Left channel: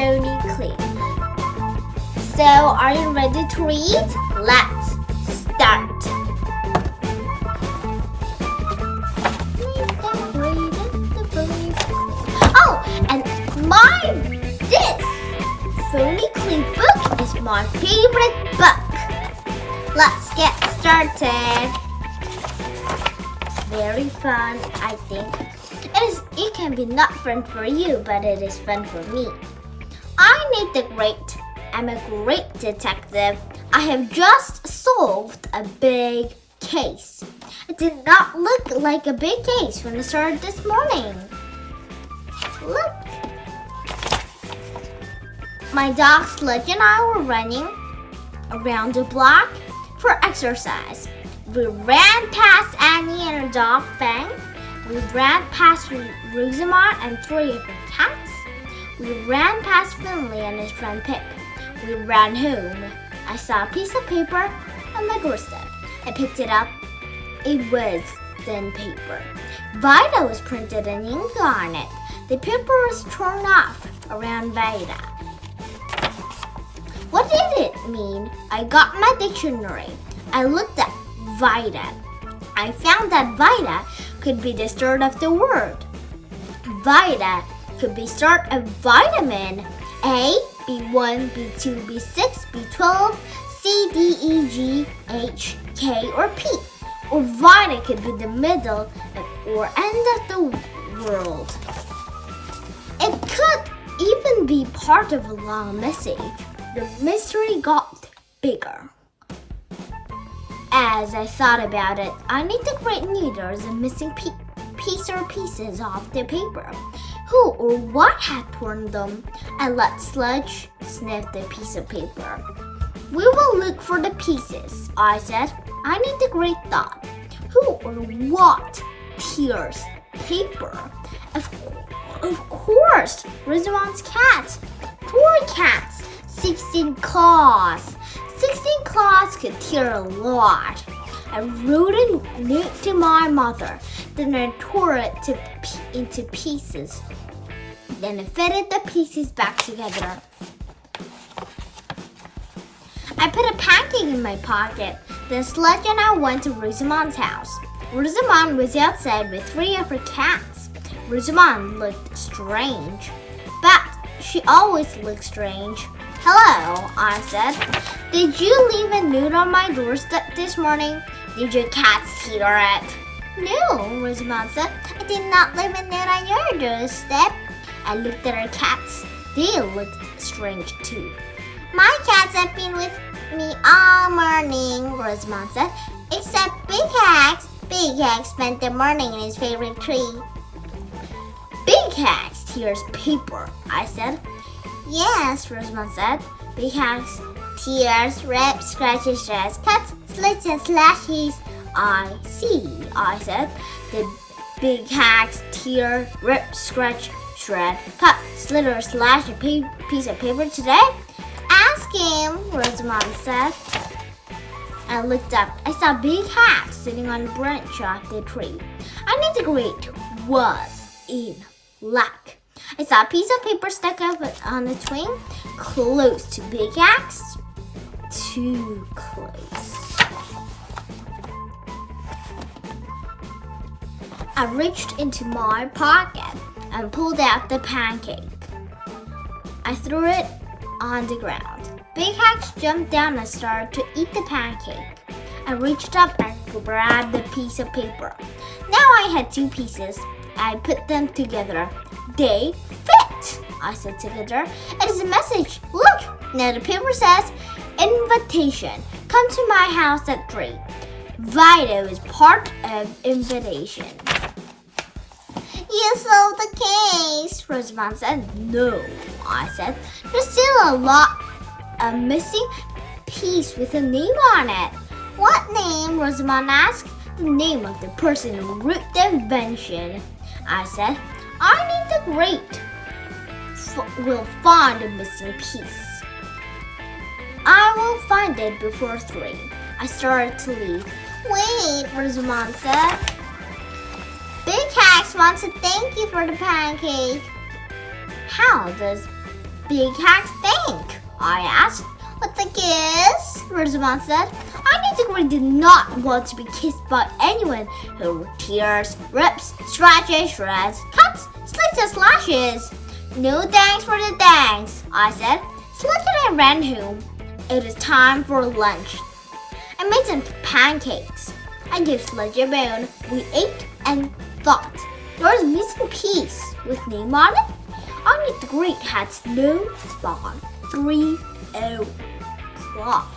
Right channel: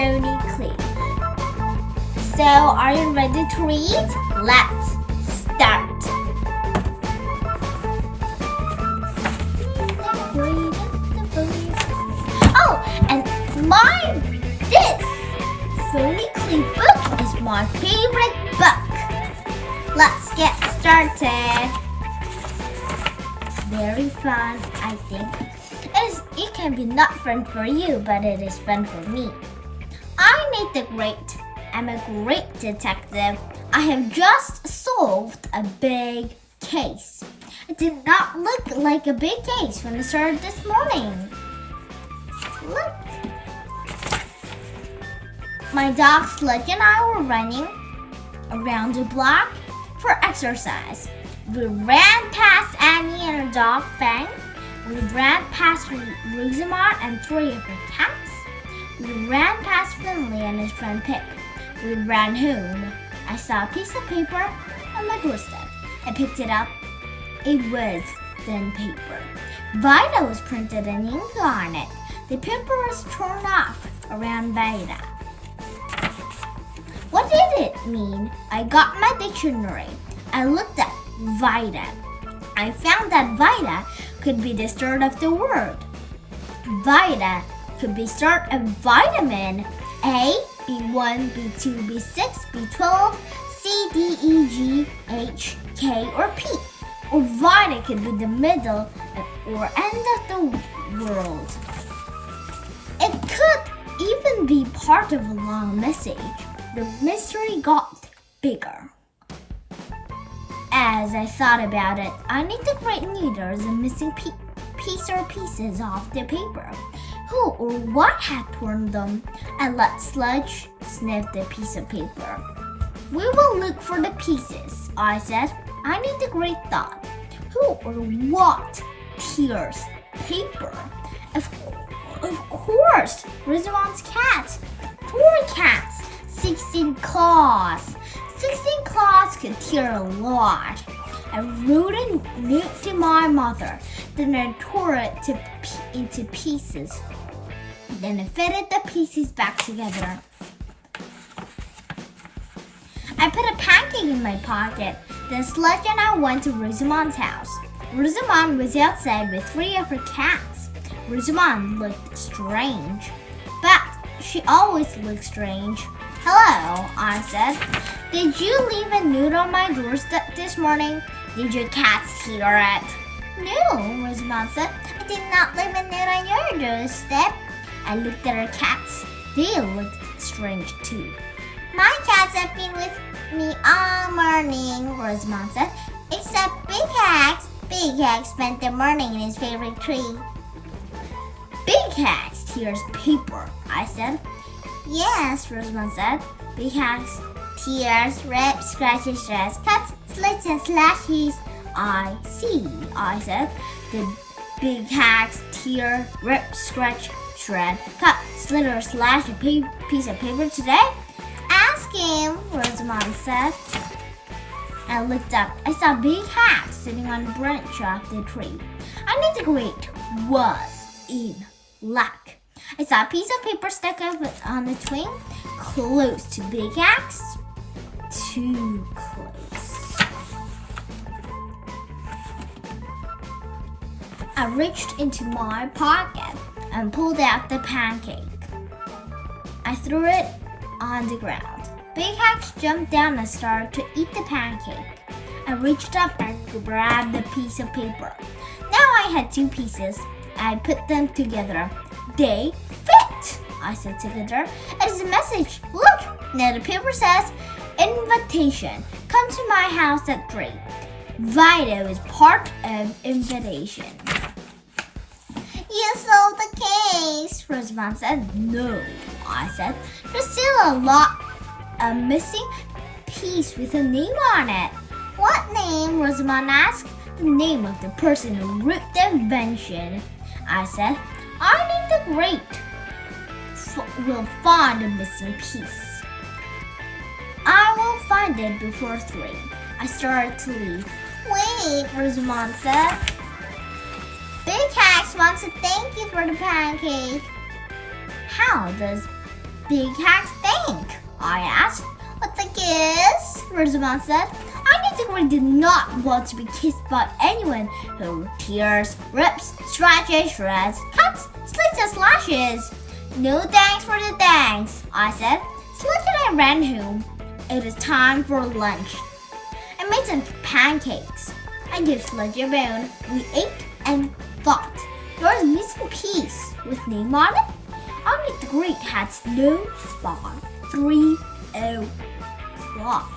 phony clip. So, are you ready to read? Let's start. Oh, and this phony clip book is my favorite book. Let's get started. Very fun, I think. It can be not fun for you, but it is fun for me. I'm a great detective. I have just solved a big case. It did not look like a big case when I started this morning. Look. My dog Sludge and I were running around the block for exercise. We ran past Annie and her dog Fang. We ran past Rosamond and 3 of her cats. We ran past Finley and his friend Pip. We ran home. I saw a piece of paper on the doorstep. I picked it up. It was thin paper. Vida was printed in ink on it. The paper was torn off around Vida. What did it mean? I got my dictionary. I looked at Vida. I found that Vida could be the start of the word. Vida could be start of vitamin A, B1, B2, B6, B12, C, D, E, G, H, K, or P. Or Vida could be the middle or end of the world. It could even be part of a long message. The mystery got bigger. As I thought about it, I need to create neither the missing piece or pieces of the paper. Who or what had torn them? I let Sludge sniff the piece of paper. We will look for the pieces, I said. I need a great thought. Who or what tears paper? Of course, Rosamond's cat. 4 cats, 16 claws. 16 claws could tear a lot. I wrote a note to my mother. Then I tore it into pieces. Then I fitted the pieces back together. I put a pancake in my pocket. Then Sludge and I went to Rosamond's house. Rosamond was outside with 3 of her cats. Rosamond looked strange. But she always looked strange. Hello, I said. Did you leave a note on my doorstep this morning? Did your cats hear it? No, Rosamond said. I did not leave a note on your doorstep. I looked at her cats. They looked strange too. My cats have been with me all morning, Rosamond said. Except Big Hax. Big Hax spent the morning in his favorite tree. Big Hax tears paper, I said. Yes, Rosamond said. Big Hax tears, rips, scratches, shreds, cuts, slits, and slashes. I see, I said. The Big Hax tear, rip, scratch, shred, cut, slit, or slash a piece of paper today? Ask him, Rosamond said. I looked up. I saw Big Hax sitting on the branch of the tree. I need to great was in luck. I saw a piece of paper stuck up on the twig, close to Big Hax. Too close. I reached into my pocket and pulled out the pancake. I threw it on the ground. Big Hax jumped down and started to eat the pancake. I reached up and grabbed the piece of paper. Now I had 2 pieces. I put them together. They fit, I said together. It is a message. Look! Now the paper says, invitation. Come to my house at 3. Vida is part of invitation. You solved the case, Rosamond said. No, I said. There's still a missing piece with a name on it. What name? Rosamond asked. The name of the person who wrote the invention. I said, I need the great. We'll find the missing piece. I will find it before 3. I started to leave. Wait, Rosamond said. Big Hax wants to thank you for the pancake. How does big hacks think? I asked. What the kiss? Rosamond said. I Disagree did not want to be kissed by anyone who tears, rips, scratches, shreds, cuts, slits, and slashes. No thanks for the thanks, I said. Sludge and I ran home. It was time for lunch. I made some pancakes. I gave Sludge a bone. We ate and thought. There was a missing piece with name on it. Only the Great had snow spawn 3 o'clock.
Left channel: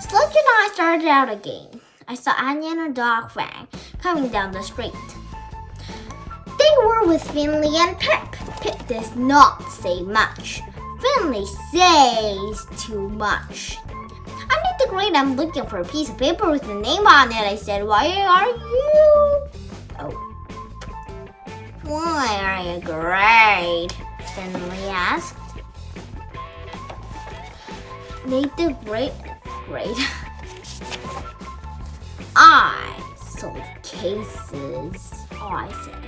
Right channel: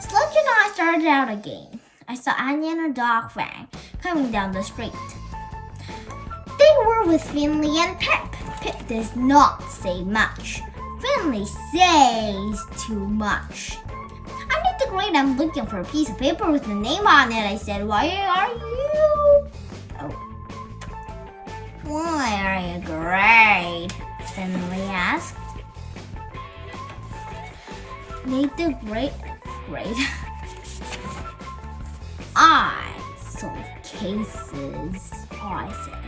Sludge and I started out again. I saw Anya and her dog Fang coming down the street. They were with Finley and Pip. Pip does not say much. Finley says too much. I need the Great. I'm looking for a piece of paper with a name on it. I said, why are you? Why are you great? Finley asked. Need the Great. I solve cases, I said.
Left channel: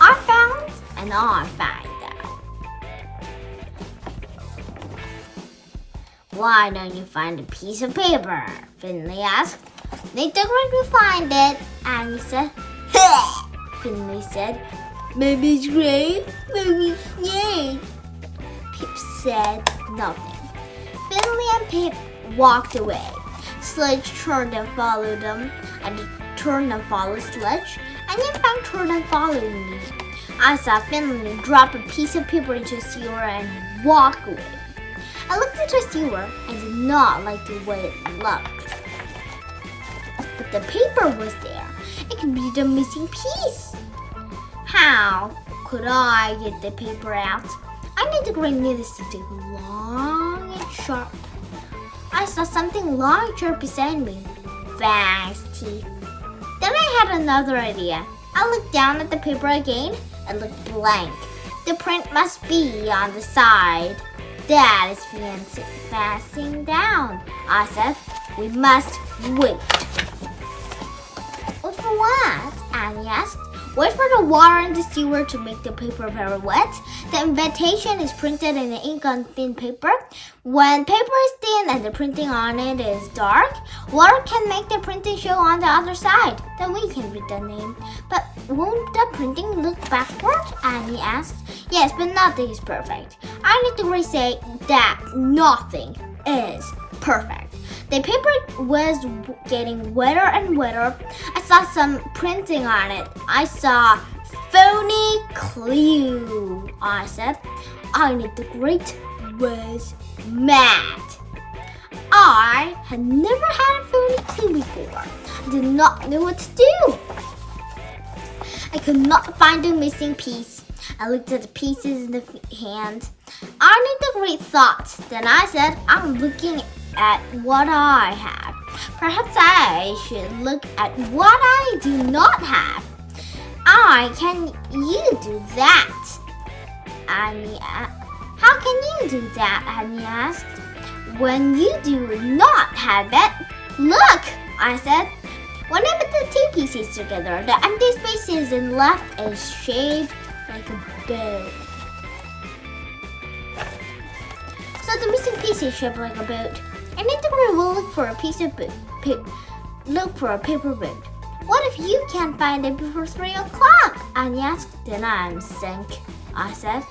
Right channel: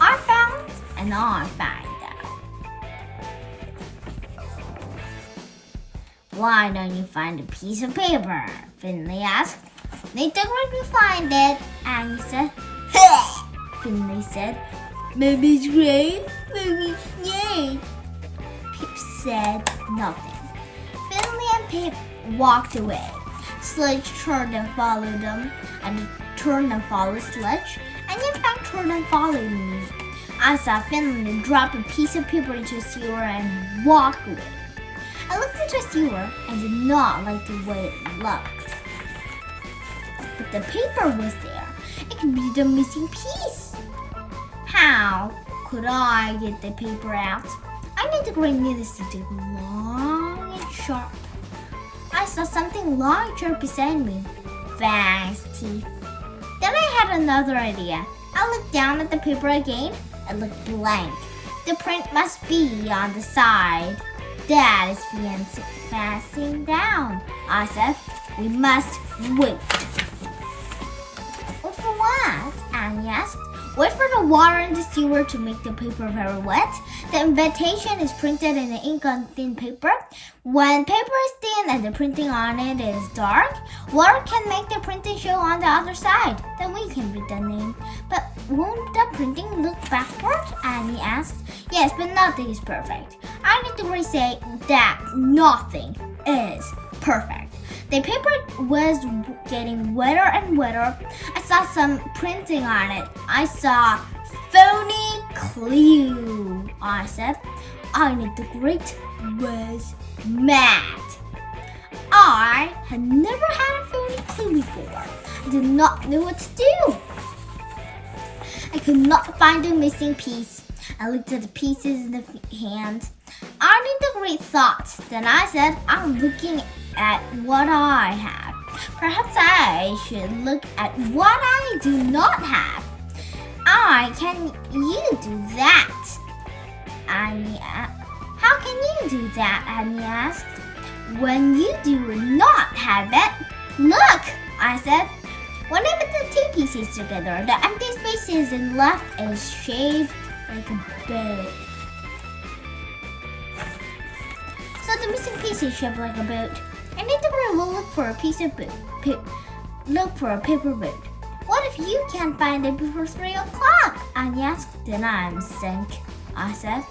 I found and I find out. Why don't you find a piece of paper? Finley asked. Need the Great will find it, Annie said. Finley said, maybe it's great, maybe it's yay. Pip said nothing. Finley and Pip walked away. Sludge turned and followed them, and turned and followed Sludge, and then Fang turned and followed me. I saw Finley drop a piece of paper into a sewer and walk away. I looked into a sewer and did not like the way it looked. But the paper was there. It could be the missing piece. How could I get the paper out? I need the Great needles to dig long and sharp. I saw something long and sharp beside me. Fang's teeth. Then I had another idea. I looked down at the paper again. It looked blank. The print must be on the side. That is fastened down. I said, we must wait. Wait for what? Annie asked. Wait for the water in the sewer to make the paper very wet. The invitation is printed in the ink on thin paper. When paper is thin and the printing on it is dark, water can make the printing show on the other side. Then we can read the name. But won't the printing look backward? Annie asked. Yes, but nothing is perfect. I need to say that nothing is perfect. The paper was getting wetter and wetter. I saw some printing on it. I saw phony clue. I said, I need the Great was mad. I had never had a phony clue before. I did not know what to do. I could not find the missing piece. I looked at the pieces in the hand. I need the Great thought. Then I said, I'm looking at what I have. Perhaps I should look at what I do not have. Can you do that? How can you do that? Annie asked. When you do not have it, look, I said. When I put the two pieces together, the empty spaces and left is shaved like a boat. So the missing piece is shaped like a boat. I need to go will look for a piece of boat. Look for a paper boat. What if you can't find it before 3 o'clock? Annie asked. Then I'm sunk, I said.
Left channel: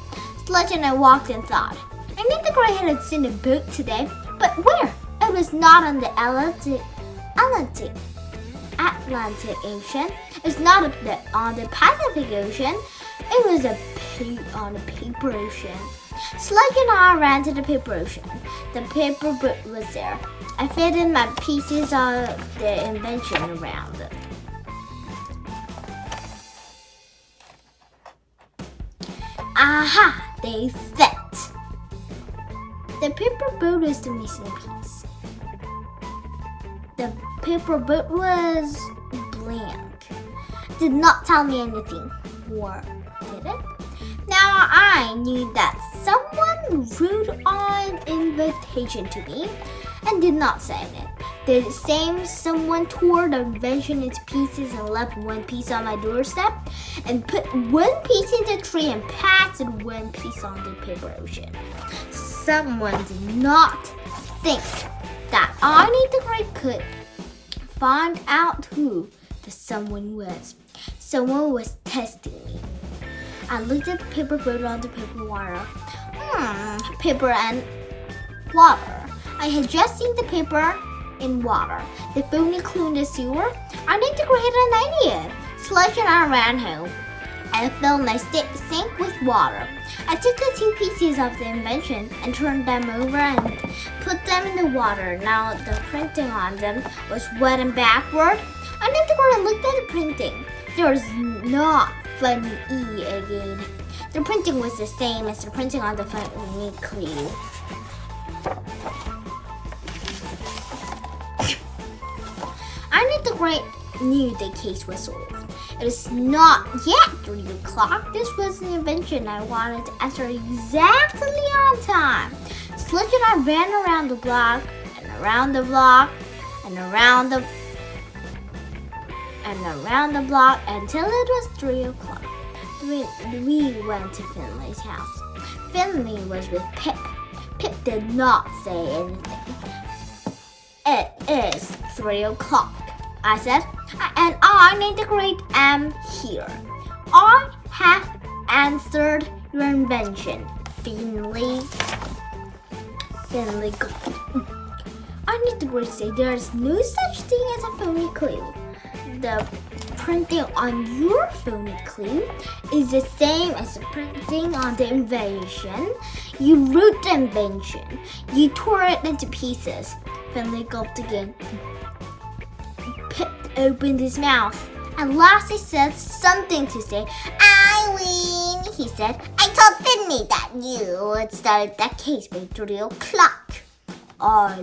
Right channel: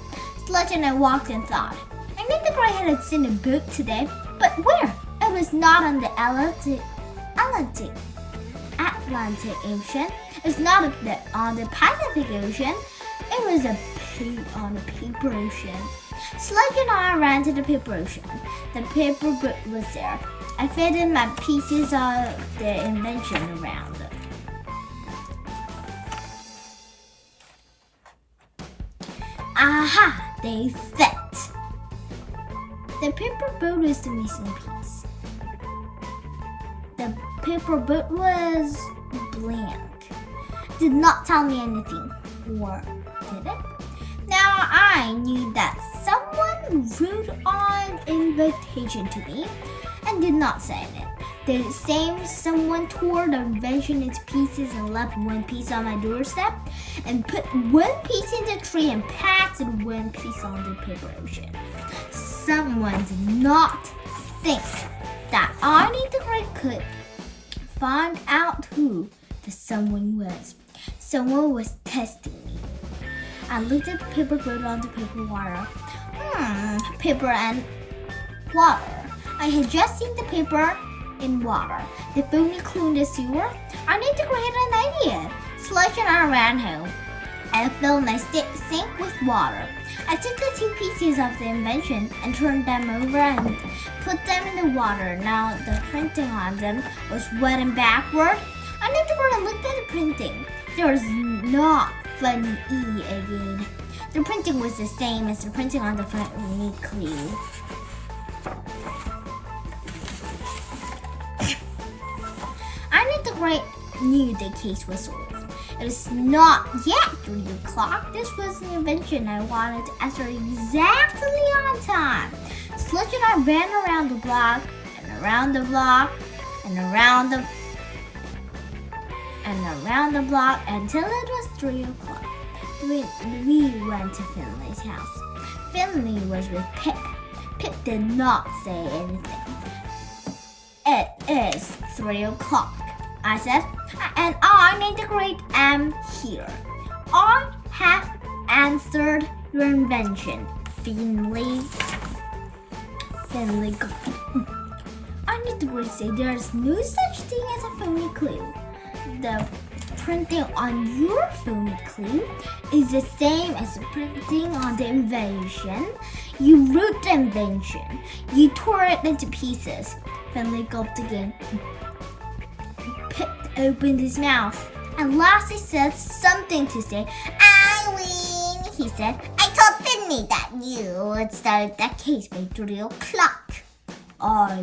Sludge and I walked and thought. I need the Great had seen a boat today, but where? It was not on the Atlantic Ocean. It was not on the Pacific Ocean. It was on a paper ocean. Sludge and I ran to the paper ocean. The paper boat was there. I fitted my pieces of the invention around them. Aha! They fit. The paper boat was the missing piece. The paper boat was blank. Did not tell me anything. Or did it? Now I knew that someone wrote an invitation to me and did not sign it. The same someone tore the invention into pieces and left one piece on my doorstep, and put one piece in the tree and pasted one piece on the paper ocean. Someone did not think that Arnie the Great could find out who the someone was. Someone was testing me. I looked at the paper boat on the paper water. Paper and water. I had just seen the paper in water. The phony clue in the sewer. I need to create an idea. Sludge and I ran home. I filled my sink with water. I took the two pieces of the invention and turned them over and put them in the water. Now the printing on them was wet and backward. I need to go and look at the printing. There was not funny E again. The printing was the same as the printing on the funny clue. Arnie the Great knew the case was solved. It was not yet 3 o'clock. This was an invention I wanted to answer exactly on time. Sludge and I ran around the block, and around the block, and around the block until it was 3 o'clock. We went to Finley's house. Finley was with Pip. Pip did not say anything. It is 3 o'clock, I said, and Arnie the Great am here. I have answered your invention, Finley. Arnie the Great said there is no such thing as a phony clue. The printing on your phony clue is the same as the printing on the invention. You wrote the invention. You tore it into pieces. Finley gulped again. Pip opened his mouth. At last he said something to say. I win, he said. I told Finley that you would start that case by 3 o'clock. I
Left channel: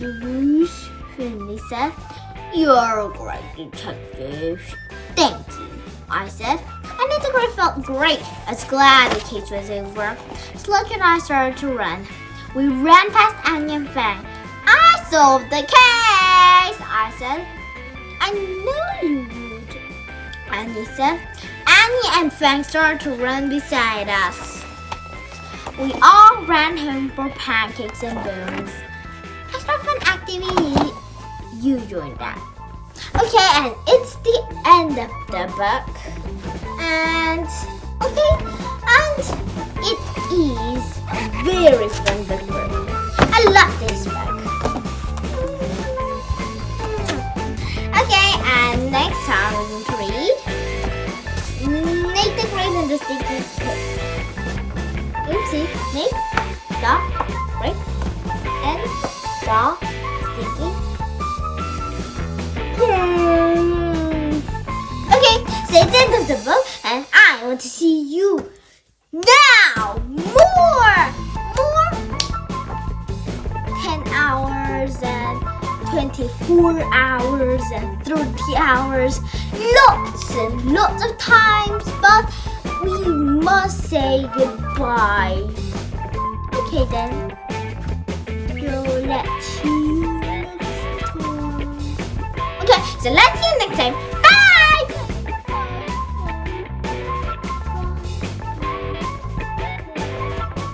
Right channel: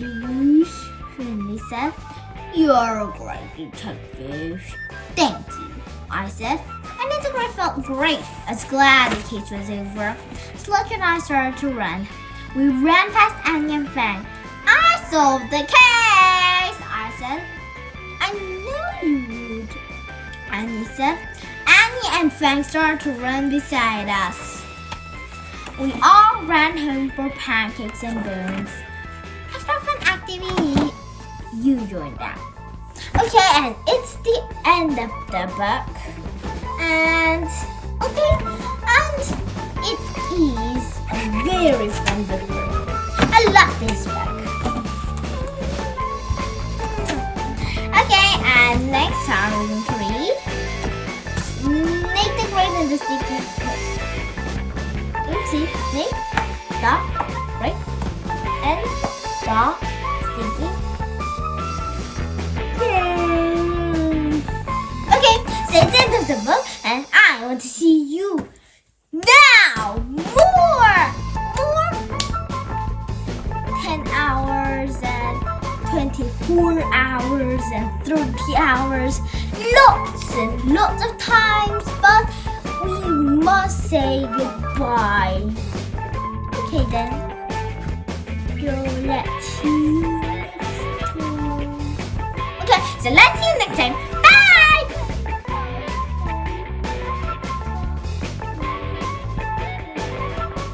lose, Finley said. You're a great detective. Thank you, I said. And the Great felt great. I was glad the case was over. Sludge and I started to run. We ran past Annie and Fang. I solved the case, I said. I knew you would, Annie said. Annie and Fang started to run beside us. We all ran home for pancakes and bones. Extra fun activity. You joined that. Okay, and it's the end of the book. And it is a very fun book. I love this book. Okay, and next time we're going to read Nate the Great and the Stinky Pig. Oopsie, Nate the Great and the Stinky Okay, so it's the end of the book, and I want to see you now. More 10 hours and 24 hours and 30 hours, lots and lots of times, but we must say goodbye. Okay then, we'll let you. Okay, so let's see you next time.